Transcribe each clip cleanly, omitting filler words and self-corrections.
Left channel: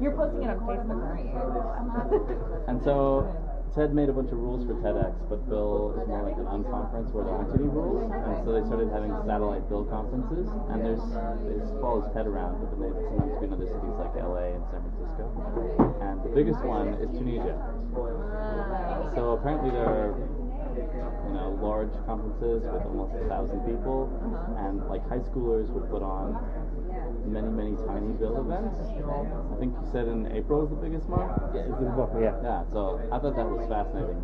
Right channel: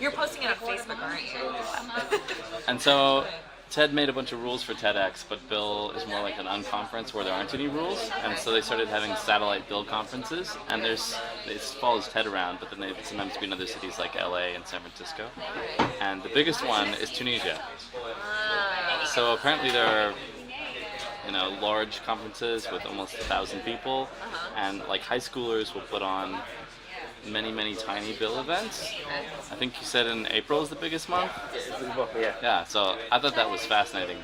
You're posting it on Facebook, aren't you? And so TED made a bunch of rules for TEDx, but BIL is more like an unconference where there aren't any rules, and so they started having satellite BIL conferences, and it follows TED around, but then they sometimes be in other cities like LA and San Francisco. And the biggest one is Tunisia. So apparently there are large conferences with almost 1,000 people, and like high schoolers will put on many tiny BIL events. I think you said in April is the biggest month. Yeah. So I thought that was fascinating.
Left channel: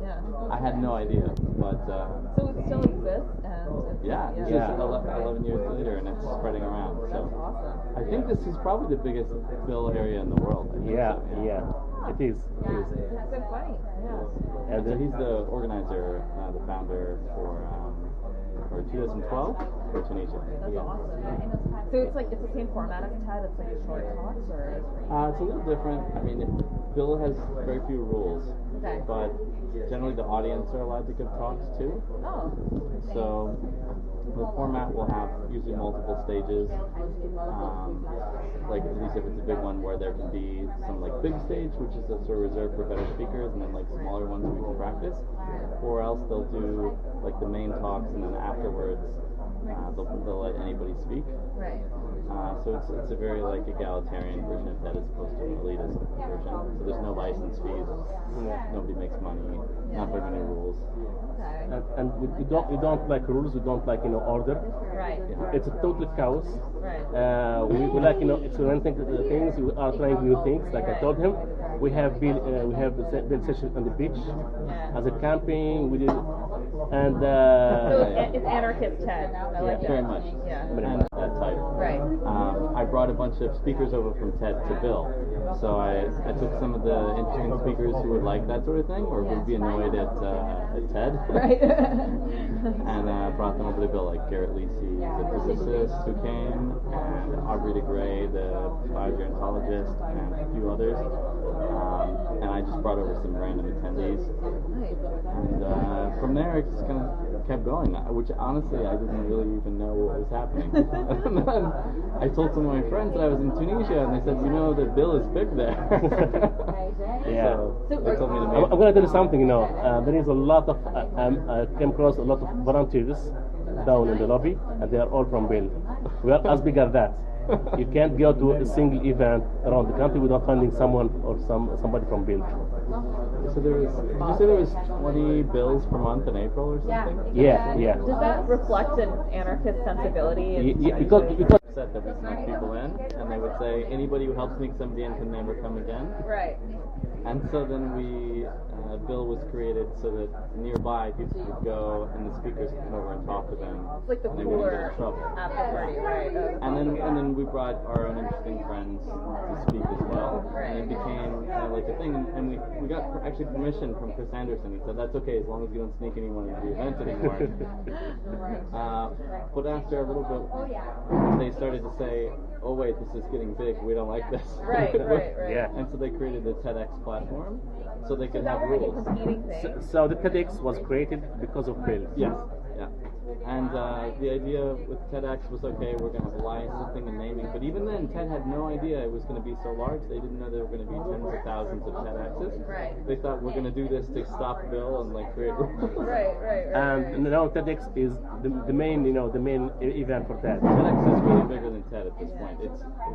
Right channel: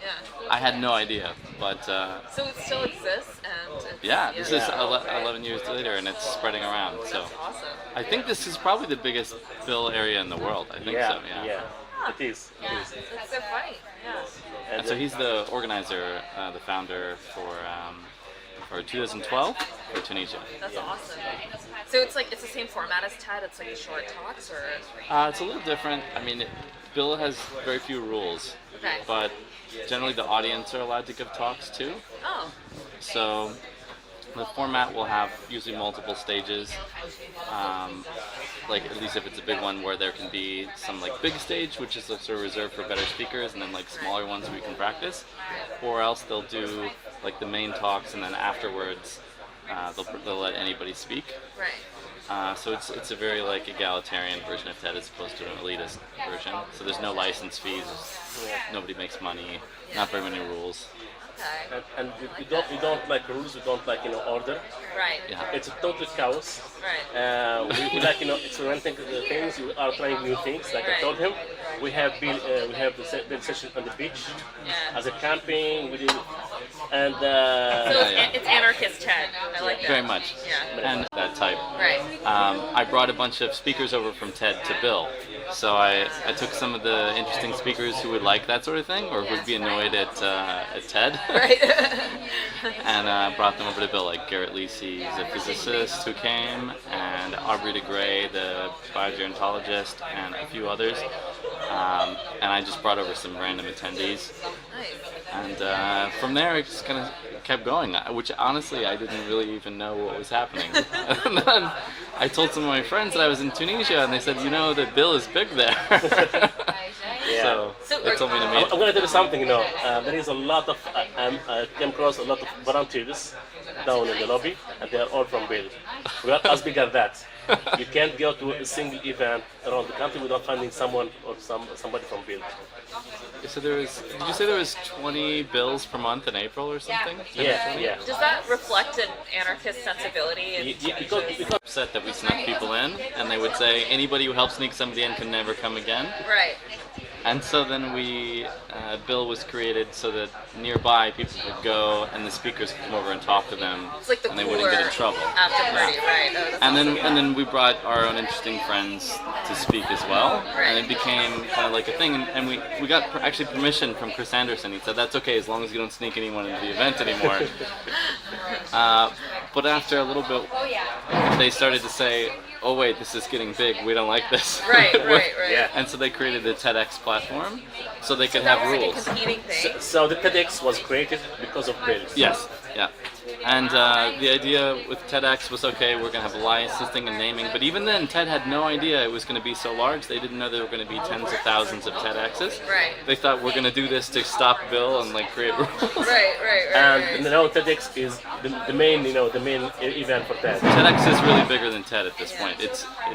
Yeah. I had no idea, but so it still exists, and this is 11 years later, and it's spreading around. So that's awesome. I think this is probably the biggest BIL area in the world. I think so. Yeah. It is. It's so funny. Yeah. And so he's the organizer, the founder for 2012 for Tunisia. That's awesome. So it's the same format as TED. It's like the short talks, or it's a little different. I mean, BIL has very few rules, but generally the audience are allowed to give talks too. Oh. So the format will have usually multiple stages. Like at least if it's a big one, where there can be some like big stage, which is sort of reserved for better speakers, and then like smaller ones where you can practice, or else they'll do like the main talks, and then afterwards they'll let anybody speak. Right. So it's a very like egalitarian version of TED as opposed to an elitist version. So there's no license fees, nobody makes money, not very many rules. Okay. And we don't like rules. We don't like order. Right. Yeah. It's a total chaos. Right. We like experimenting things. We are trying new things. Like I told him, we have the session on the beach as a camping. We do, and so it's anarchist TED. I like that. Very much. Yeah. And that type. Right. I brought a bunch of speakers over from TED to BIL. So I took some of the interesting speakers who would like that sort of thing, or would be annoyed at TED. Right. And brought them over to BIL, like Garrett Lisi, who's a physicist who came, and Aubrey de Grey, the biogerontologist, and a few others. And I just brought over some random attendees. Nice. And from there, it just kind of kept going, which honestly I didn't really even know what was happening. And then I told some of my friends that I was in Tunisia, and they said, that BIL is big there. So they told me to meet. I'm going to tell you something. There is a lot of I came across a lot of volunteers down in the lobby, and they are all from BIL. We are as big as that. You can't go to a single event around the country without finding someone or somebody from BIL. So did you say there was 20 BILs per month in April or something? Yeah. Does that reflect an anarchist sensibility? Because upset that we snuck people in, and they would say anybody who helps sneak somebody in can never come again. Right. And so then BIL was created so that nearby people could go and the speakers could come over and talk to them, It's like the and they wouldn't get in cooler trouble. after party, right? Oh, that's And awesome. then we brought our own interesting friends to speak as well, and it became kind of like a thing. And we got actually permission from Chris Anderson. He said that's okay as long as you don't sneak anyone into the event anymore. But after a little bit, they started to say, "Oh wait, this is getting big. We don't like this." Right. Yeah. And so they created the TEDx platform, so they could That have was rules. like a competing thing. so the TEDx was created because of BIL. Yes, yeah. And the idea with TEDx was, okay, we're going to have licensing and naming, but even then, TED had no idea it was going to be so large. They didn't know there were going to be tens of thousands of TEDx's. Right. They thought we're going to do this to stop BIL and like create rules. Right. And now TEDx is the main event for TED. TEDx is really bigger than TED at this point.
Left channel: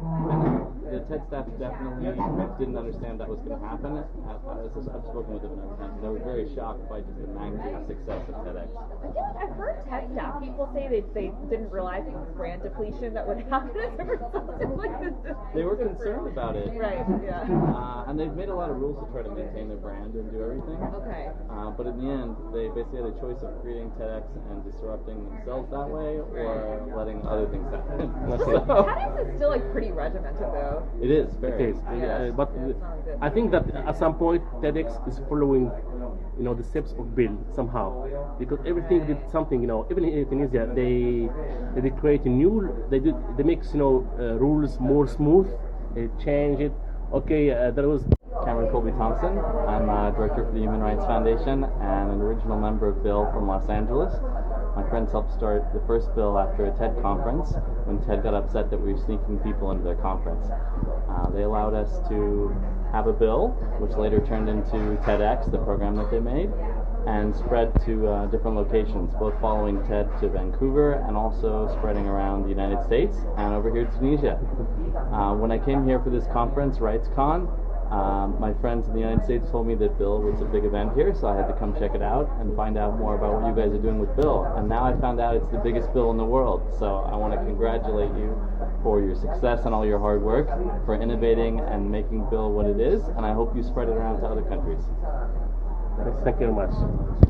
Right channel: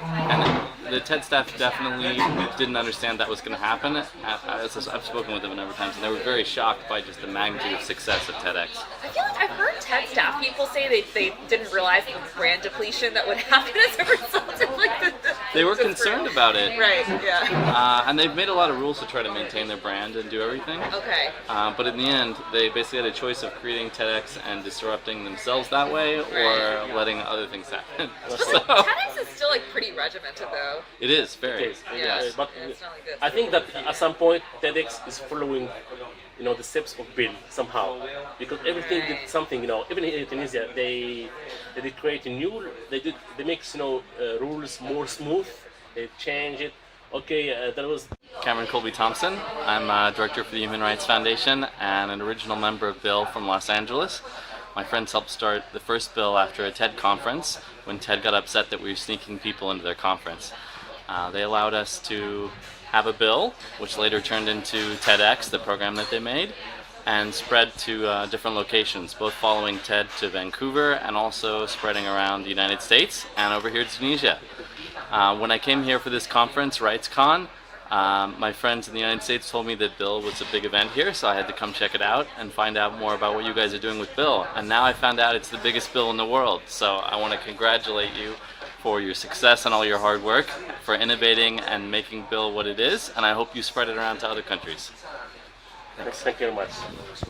And the TED staff definitely didn't understand that was going to happen. I've spoken with them a number of times, and they were very shocked by just the magnitude of success of TEDx. I feel like I've heard TED staff people say they didn't realize the brand depletion that would happen as a result of like the They were concerned about it. Right, yeah. And they've made a lot of rules to try to maintain their brand and do everything. Okay. But in the end, they basically had a choice of creating TEDx and disrupting themselves that way, or letting other things happen. TEDx is still like pretty regimented though. It is very. It is. Yeah. But It's not like this. I think that at some point TEDx is following, the steps of BIL somehow, because everything did something. Even in Tunisia, they create a new. They make rules more smooth. They change it. Okay, there was. Camrouan C Thompson. I'm director for the Human Rights Foundation and an original member of BIL from Los Angeles. My friends helped start the first BIL after a TED conference when TED got upset that we were sneaking people into their conference. They allowed us to have a BIL, which later turned into TEDx, the program that they made, and spread to different locations, both following TED to Vancouver and also spreading around the United States and over here to Tunisia. When I came here for this conference, RightsCon, my friends in the United States told me that BIL was a big event here, so I had to come check it out and find out more about what you guys are doing with BIL. And now I found out it's the biggest BIL in the world, so I want to congratulate you for your success and all your hard work, for innovating and making BIL what it is, and I hope you spread it around to other countries. Thank you very much.